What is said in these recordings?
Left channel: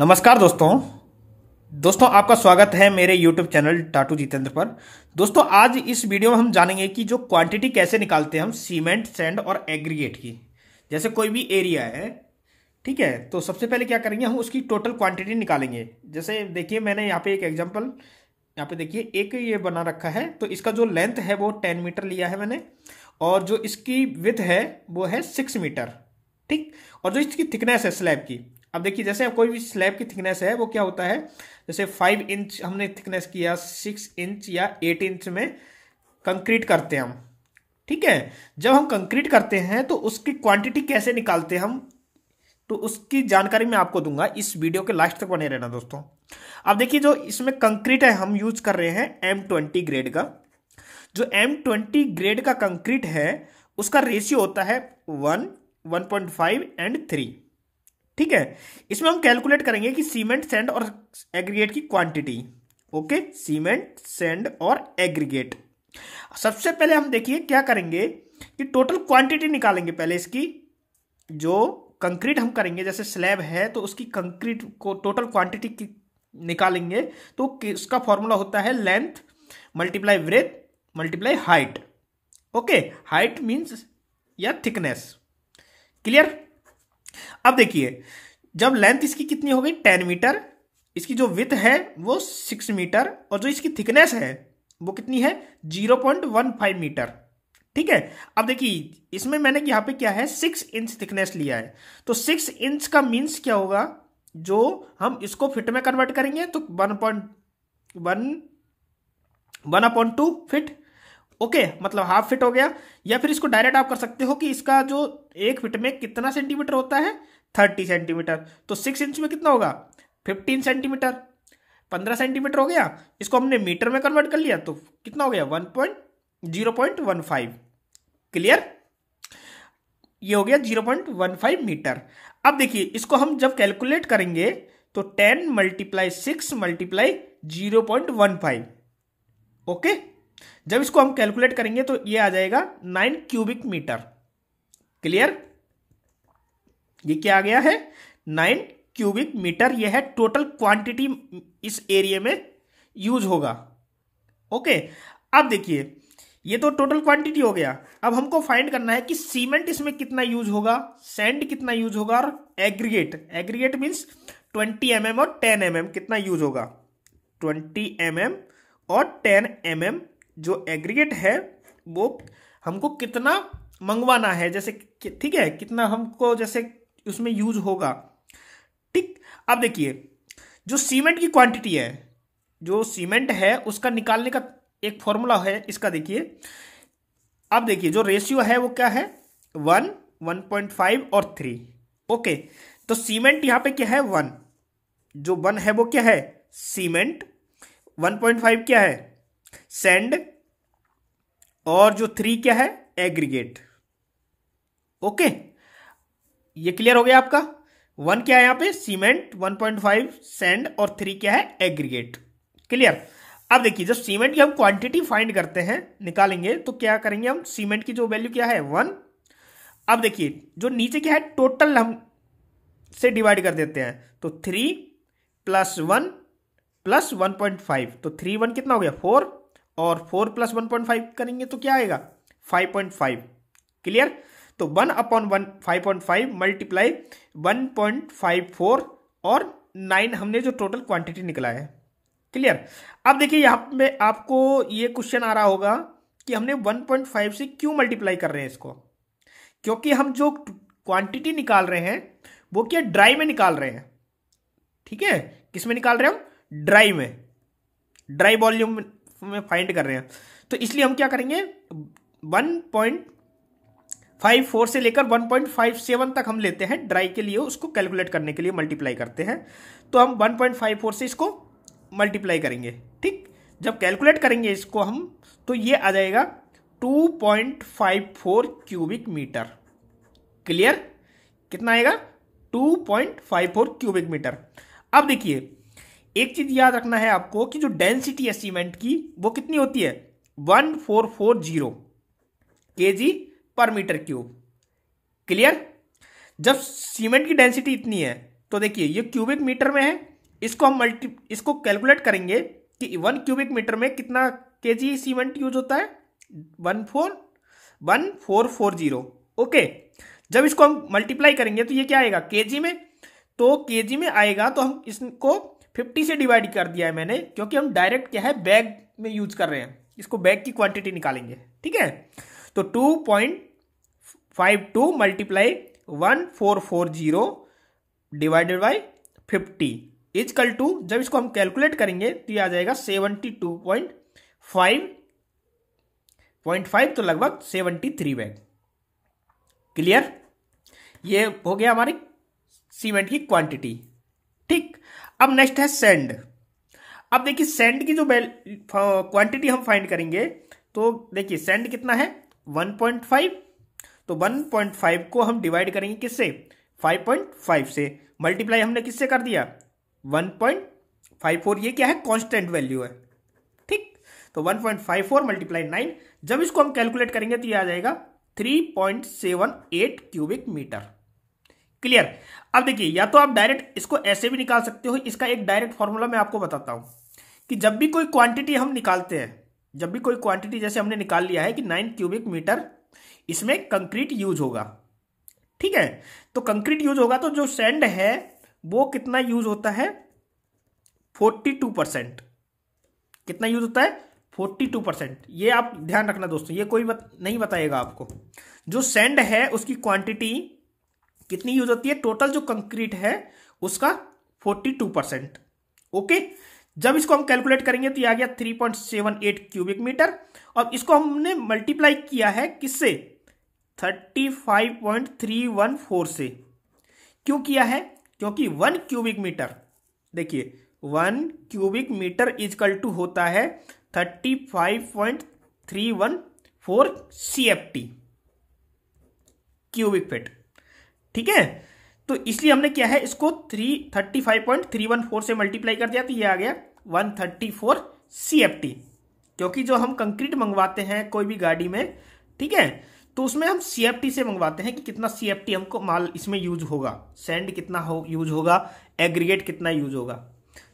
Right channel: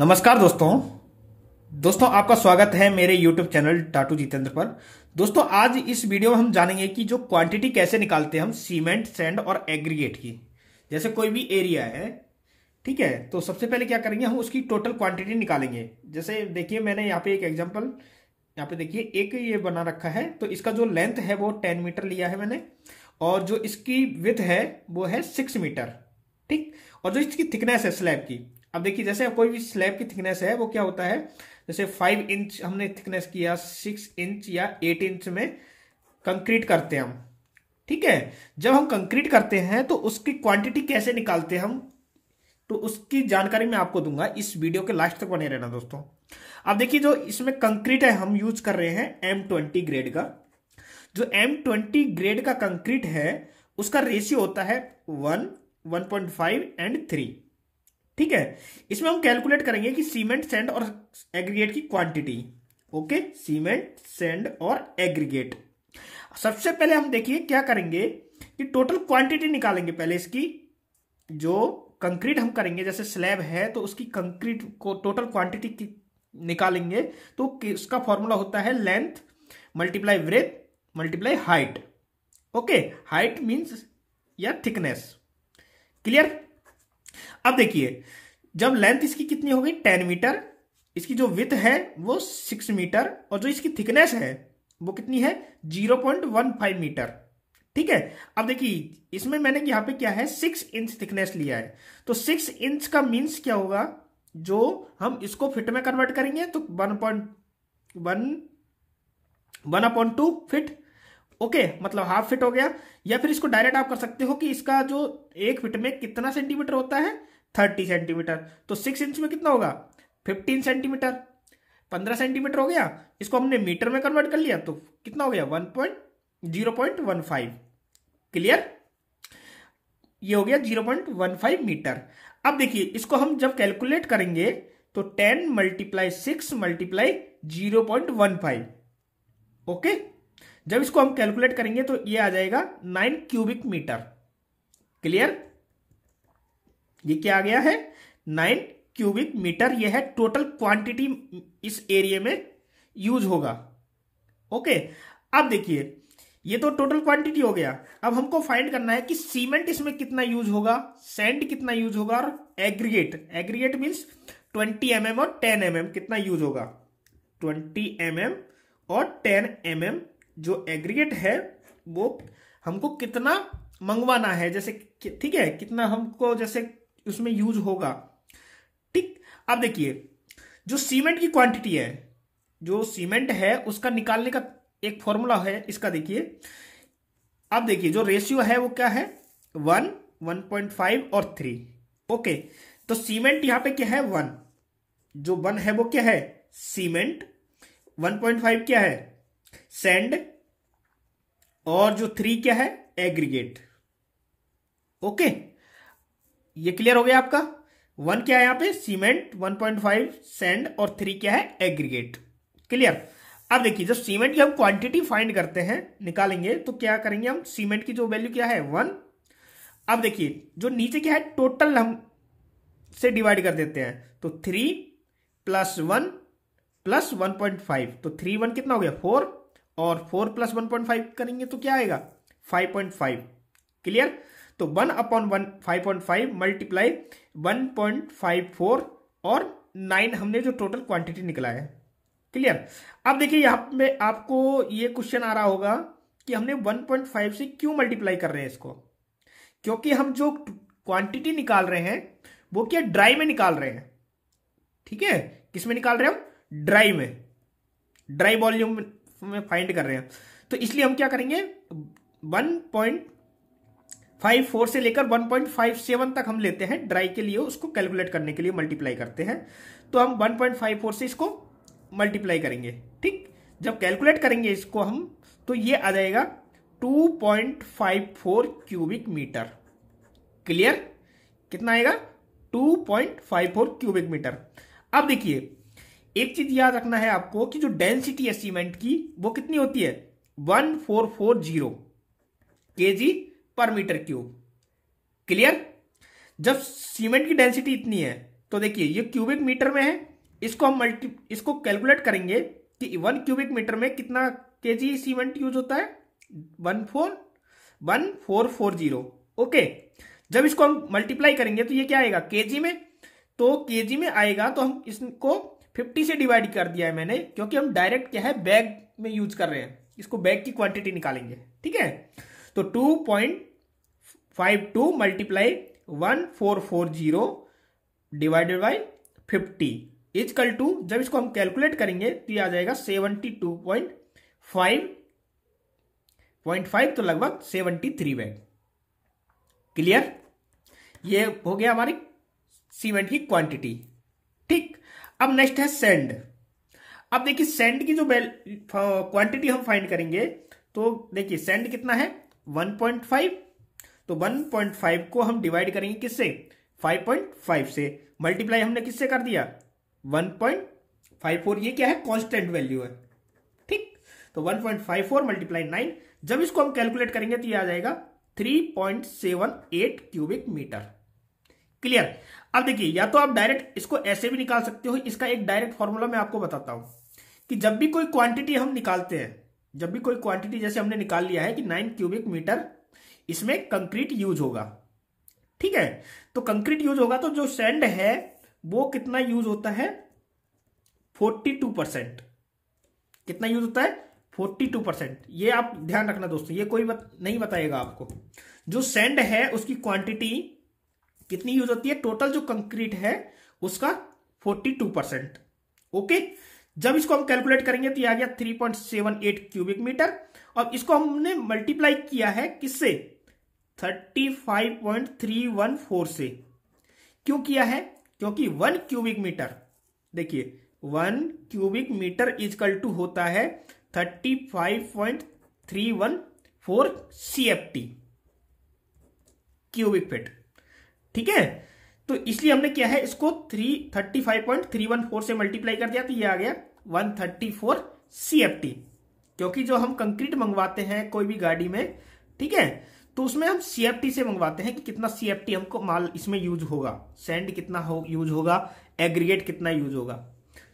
नमस्कार दोस्तों आपका स्वागत है मेरे YouTube चैनल टाटू जितेंद्र पर। दोस्तों आज इस वीडियो में हम जानेंगे कि जो क्वांटिटी कैसे निकालते हैं हम सीमेंट, सैंड और एग्रीगेट की। जैसे कोई भी एरिया है, ठीक है, तो सबसे पहले क्या करेंगे, हम उसकी टोटल क्वांटिटी निकालेंगे। जैसे देखिए मैंने यहाँ पे एक एग्जाम्पल, यहाँ पे देखिए एक ये बना रखा है, तो इसका जो लेंथ है वो 10 मीटर लिया है मैंने, और जो इसकी विड्थ है वो है 6 मीटर, ठीक। और जो इसकी थिकनेस है स्लैब की, अब देखिए जैसे कोई भी स्लैब की थिकनेस है वो क्या होता है, जैसे 5 इंच हमने थिकनेस किया, 6 इंच या 8 इंच में कंक्रीट करते हैं हम, ठीक है। जब हम कंक्रीट करते हैं तो उसकी क्वांटिटी कैसे निकालते हैं हम, तो उसकी जानकारी मैं आपको दूंगा, इस वीडियो के लास्ट तक बने रहना दोस्तों। अब देखिए जो इसमें कंक्रीट है हम यूज कर रहे हैं M20 ग्रेड का। जो M20 ग्रेड का कंक्रीट है उसका रेशियो होता है 1, 1.5 एंड 3, ठीक है। इसमें हम कैलकुलेट करेंगे कि सीमेंट, सैंड और एग्रीगेट की क्वांटिटी। ओके, सीमेंट, सैंड और एग्रीगेट। सबसे पहले हम देखिए क्या करेंगे कि टोटल क्वांटिटी निकालेंगे। पहले इसकी जो कंक्रीट हम करेंगे, जैसे स्लैब है तो उसकी कंक्रीट को टोटल क्वांटिटी की निकालेंगे, तो उसका फॉर्मूला होता है length multiply breath multiply height. Okay, height means या थिकनेस, क्लियर। अब देखिए जब लेंथ इसकी कितनी हो गई 10 मीटर, इसकी जो विड्थ है वो 6 मीटर, और जो इसकी थिकनेस है वो कितनी है 0.15 मीटर, ठीक है। अब देखिए इसमें मैंने यहां पे क्या है 6 इंच थिकनेस लिया है, तो 6 इंच का मीन्स क्या होगा, जो हम इसको फिट में कन्वर्ट करेंगे तो 1.2 फिट, ओके, मतलब हाफ फिट हो गया। या फिर इसको डायरेक्ट आप कर सकते हो कि इसका जो एक फिट में कितना सेंटीमीटर होता है 30 सेंटीमीटर, तो 6 इंच में कितना होगा 15 सेंटीमीटर, 15 सेंटीमीटर हो गया। इसको हमने मीटर में कन्वर्ट कर लिया तो कितना हो गया 0.15, क्लियर। ये हो गया 0.15 मीटर। अब देखिए इसको हम जब कैलकुलेट करेंगे तो 10 मल्टीप्लाई 6 मल्टीप्लाई 0.15, ओके। जब इसको हम कैलकुलेट करेंगे तो ये आ जाएगा 9 क्यूबिक मीटर, क्लियर। ये क्या आ गया है 9 क्यूबिक मीटर। ये है टोटल क्वांटिटी इस एरिया में यूज होगा, ओके। अब देखिए ये तो टोटल क्वांटिटी हो गया। अब हमको फाइंड करना है कि सीमेंट इसमें कितना यूज होगा, सैंड कितना यूज होगा, और एग्रीगेट मींस 20 mm और 10 mm कितना यूज होगा। 20 mm और 10 mm जो एग्रीगेट है वो हमको कितना मंगवाना है, जैसे ठीक है, कितना हमको जैसे उसमें यूज होगा, ठीक। अब देखिए जो सीमेंट की क्वांटिटी है, जो सीमेंट है उसका निकालने का एक फॉर्मूला है इसका, देखिए। अब देखिए जो रेशियो है वो क्या है 1, 1.5 और 3, ओके। तो सीमेंट यहां पे क्या है 1, जो 1 है वो क्या है सीमेंट, 1.5 क्या है सैंड, और जो 3 क्या है एग्रीगेट, ओके। ये क्लियर हो गया आपका। 1 क्या है यहाँ पे सीमेंट, 1.5 सैंड और 3 क्या है एग्रीगेट, क्लियर। अब देखिए जब सीमेंट की हम क्वांटिटी फाइंड करते हैं, निकालेंगे, तो क्या करेंगे हम, सीमेंट की जो वैल्यू क्या है 1। अब देखिए जो नीचे क्या है टोटल हम से डिवाइड कर देते हैं, तो 3 + 1 + 1.5, तो 3 1 कितना हो गया 4, और 4 + 1.5 करेंगे तो क्या आएगा 5.5, क्लियर। तो 1/1 5.5 मल्टीप्लाई 1.54 और 9 हमने जो टोटल क्वांटिटी निकला है, क्लियर। अब देखिए यहां पे आपको ये क्वेश्चन आ रहा होगा कि हमने 1.5 से क्यों मल्टीप्लाई कर रहे हैं इसको, क्योंकि हम जो क्वांटिटी निकाल रहे हैं वो क्या ड्राई में निकाल रहे हैं, ठीक है। किस में निकाल रहे हैं हम, ड्राई में, ड्राई वॉल्यूम में फाइंड कर रहे हैं। तो इसलिए हम क्या करेंगे 1.54 से लेकर 1.57 तक हम लेते हैं ड्राई के लिए, उसको कैलकुलेट करने के लिए मल्टीप्लाई करते हैं। तो हम 1.54 से इसको मल्टीप्लाई करेंगे, ठीक। जब कैलकुलेट करेंगे इसको हम, तो ये आ जाएगा 2.54 क्यूबिक मीटर, क्लियर। कितना आएगा 2.54 क्यूबिक मीटर। अब देखिए एक चीज याद रखना है आपको कि जो डेंसिटी है सीमेंट की वो कितनी होती है 1440 kg पर मीटर क्यूब, क्लियर। जब सीमेंट की डेंसिटी इतनी है तो देखिए ये क्यूबिक मीटर में है, इसको हम इसको कैलकुलेट करेंगे कि 1 क्यूबिक मीटर में कितना केजी सीमेंट यूज होता है, 1440। ओके, जब इसको हम मल्टीप्लाई करेंगे तो ये क्या आएगा केजी में, तो केजी में आएगा तो हम इसको 50 से डिवाइड कर दिया है मैंने, क्योंकि हम डायरेक्ट क्या है बैग में यूज कर रहे हैं, इसको बैग की क्वांटिटी निकालेंगे। ठीक है, तो 2.52 multiply 1440 divided by 50 is equal to, जब इसको हम कैलकुलेट करेंगे तो ये आ जाएगा 72.5, तो लगभग 73 बैग। क्लियर, ये हो गया हमारी सीमेंट की क्वांटिटी। ठीक, अब नेक्स्ट है सैंड। अब देखिए सैंड की जो क्वांटिटी हम फाइंड करेंगे, तो देखिए सैंड कितना है 1.5, तो 1.5 को हम डिवाइड करेंगे किससे 5.5 से, मल्टीप्लाई हमने किससे कर दिया 1.54, ये क्या है कांस्टेंट वैल्यू है। ठीक, तो 1.54 मल्टीप्लाई 9, जब इसको हम कैलकुलेट करेंगे तो ये आ जाएगा 3.78 क्यूबिक मीटर। क्लियर, अब देखिए या तो आप डायरेक्ट इसको ऐसे भी निकाल सकते हो, इसका एक डायरेक्ट फॉर्मूला मैं आपको बताता हूं कि जब भी कोई क्वांटिटी हम निकालते हैं, जब भी कोई क्वांटिटी जैसे हमने निकाल लिया है कि 9 क्यूबिक मीटर इसमें कंक्रीट यूज होगा। ठीक है, तो कंक्रीट यूज होगा तो जो सैंड है वो कितना यूज होता है 42%। कितना यूज होता है 42%। ये आप ध्यान रखना दोस्तों, ये कोई नहीं बताएगा आपको। जो सैंड है उसकी क्वांटिटी कितनी यूज होती है, टोटल जो कंक्रीट है उसका 42%। ओके, जब इसको हम कैलकुलेट करेंगे तो ये आ गया 3.78 क्यूबिक मीटर, और इसको हमने मल्टीप्लाई किया है किससे 35.314 से। क्यों किया है, क्योंकि 1 क्यूबिक मीटर, देखिए 1 क्यूबिक मीटर इजकल टू होता है 35.314 CFT क्यूबिक फीट। ठीक है, तो इसलिए हमने क्या है इसको 35.314 से मल्टीप्लाई कर दिया, तो ये आ गया 134 CFT। क्योंकि जो हम कंक्रीट मंगवाते हैं कोई भी गाड़ी में, ठीक है, तो उसमें हम CFT से मंगवाते हैं कि कितना CFT हमको माल इसमें यूज होगा, सैंड कितना यूज होगा, एग्रीगेट कितना यूज होगा।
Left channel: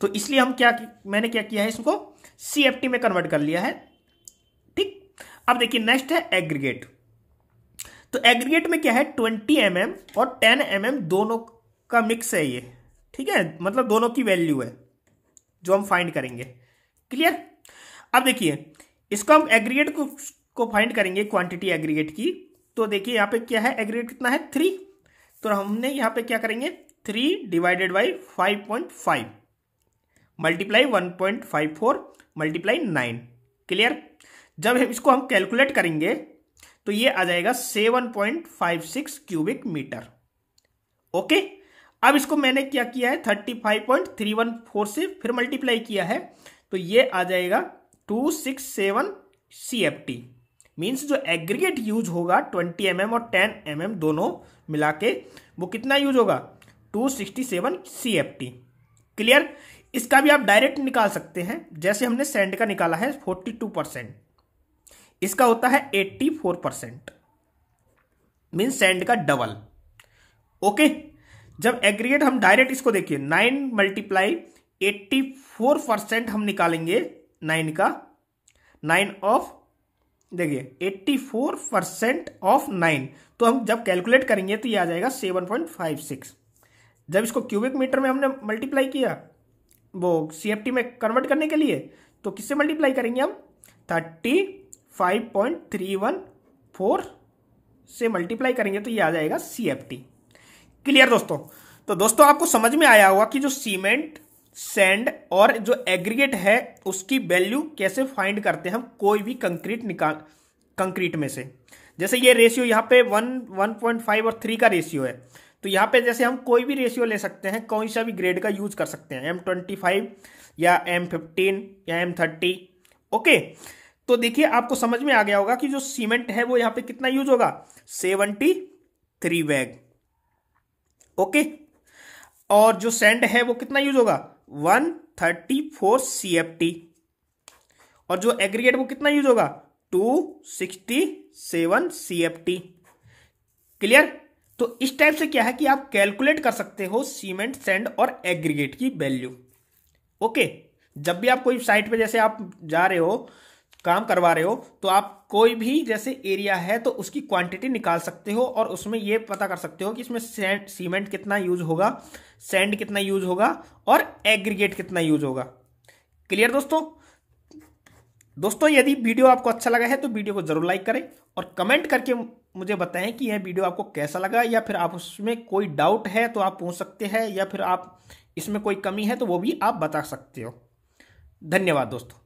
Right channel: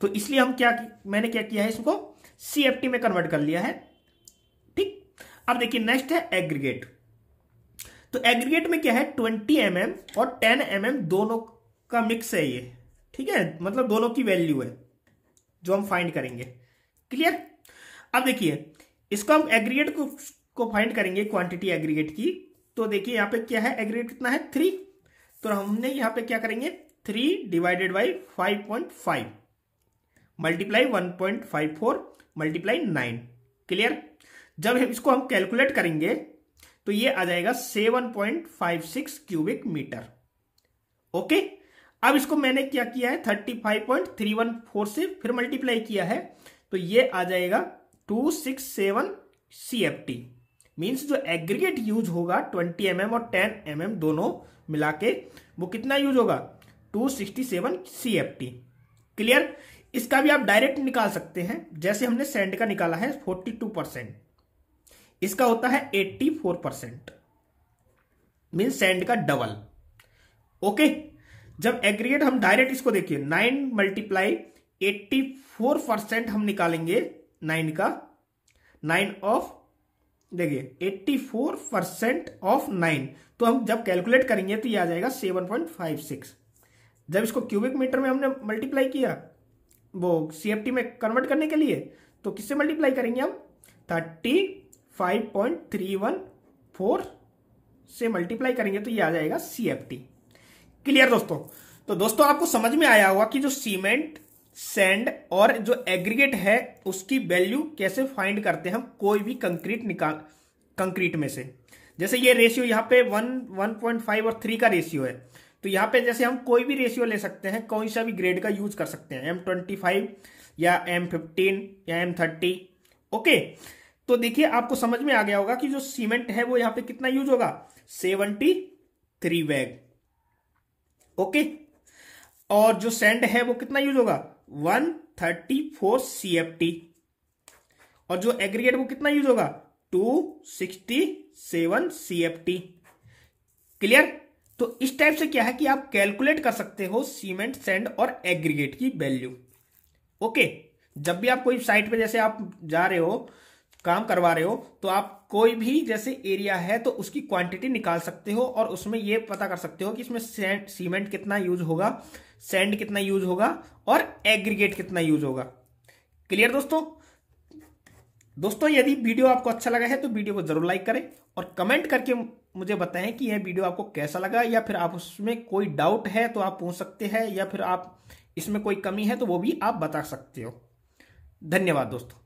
तो इसलिए हम मैंने क्या किया है इसको CFT में कन्वर्ट कर लिया है। ठीक, अब देखिए नेक्स्ट है एग्रीगेट। तो एग्रीगेट में क्या है 20 mm और 10 mm दोनों का मिक्स है ये। ठीक है, मतलब दोनों की वैल्यू है जो हम फाइंड करेंगे। क्लियर, अब देखिए इसको हम एग्रीगेट को फाइंड करेंगे क्वांटिटी एग्रीगेट की। तो देखिए यहां पे क्या है एग्रीगेट कितना है 3, तो हमने यहां पे क्या करेंगे 3 divided by 5.5 multiply 1.54 multiply 9। Clear, जब इसको हम कैलकुलेट करेंगे तो ये आ जाएगा 7.56 क्यूबिक मीटर। ओके, अब इसको मैंने क्या किया है 35.314 से फिर मल्टीप्लाई किया है, तो ये आ जाएगा 267 CFT। मींस जो एग्रीगेट यूज होगा 20 mm और 10 mm दोनों मिला के वो कितना यूज होगा 267 CFT। क्लियर, इसका भी आप डायरेक्ट निकाल सकते हैं, जैसे हमने सैंड का निकाला है 42%, इसका होता है 84%, मीन सैंड का डबल। ओके, जब एग्रीगेट हम डायरेक्ट इसको देखिए 9 मल्टीप्लाई 84% हम निकालेंगे 9 का, 9 ऑफ देखिए 84% ऑफ 9, तो हम जब कैलकुलेट करेंगे तो ये आ जाएगा 7.56। जब इसको क्यूबिक मीटर में हमने मल्टीप्लाई किया वो CFT में कन्वर्ट करने के लिए, तो किससे मल्टीप्लाई करेंगे हम 35.314 से मल्टीप्लाई करेंगे तो ये आ जाएगा CFT। क्लियर दोस्तों, तो दोस्तों आपको समझ में आया होगा कि जो सीमेंट, सैंड और जो एग्रीगेट है उसकी वैल्यू कैसे फाइंड करते हैं हम कोई भी कंक्रीट में से। जैसे ये रेशियो यहाँ पे 1.5 और 3 का रेशियो है, तो यहाँ पे जैसे हम कोई भी रेशियो ले सकते हैं, कोई सा भी ग्रेड का यूज कर सकते हैं, M25 या M15 या M30। ओके, तो देखिए आपको समझ में आ गया होगा कि जो सीमेंट है वो यहाँ पे कितना यूज होगा 73 बैग। ओके, और जो सैंड है वो कितना यूज होगा 134 CFT, और जो एग्रीगेट वो कितना यूज होगा 267 CFT। क्लियर, तो इस टाइप से क्या है कि आप कैलकुलेट कर सकते हो सीमेंट, सैंड और एग्रीगेट की वैल्यू। ओके, जब भी आप कोई साइट पे जैसे आप जा रहे हो, काम करवा रहे हो, तो आप कोई भी जैसे एरिया है तो उसकी क्वांटिटी निकाल सकते हो और उसमें ये पता कर सकते हो कि इसमें सीमेंट कितना यूज होगा, सैंड कितना यूज होगा और एग्रीगेट कितना यूज होगा। क्लियर दोस्तों? दोस्तों यदि वीडियो आपको अच्छा लगा है तो वीडियो को जरूर लाइक करें और कमेंट करके मुझे बताएं कि यह वीडियो आपको कैसा लगा, या फिर आप उसमें कोई डाउट है तो आप पूछ सकते हैं, या फिर आप इसमें कोई कमी है तो वो भी आप बता सकते हो। धन्यवाद दोस्तों।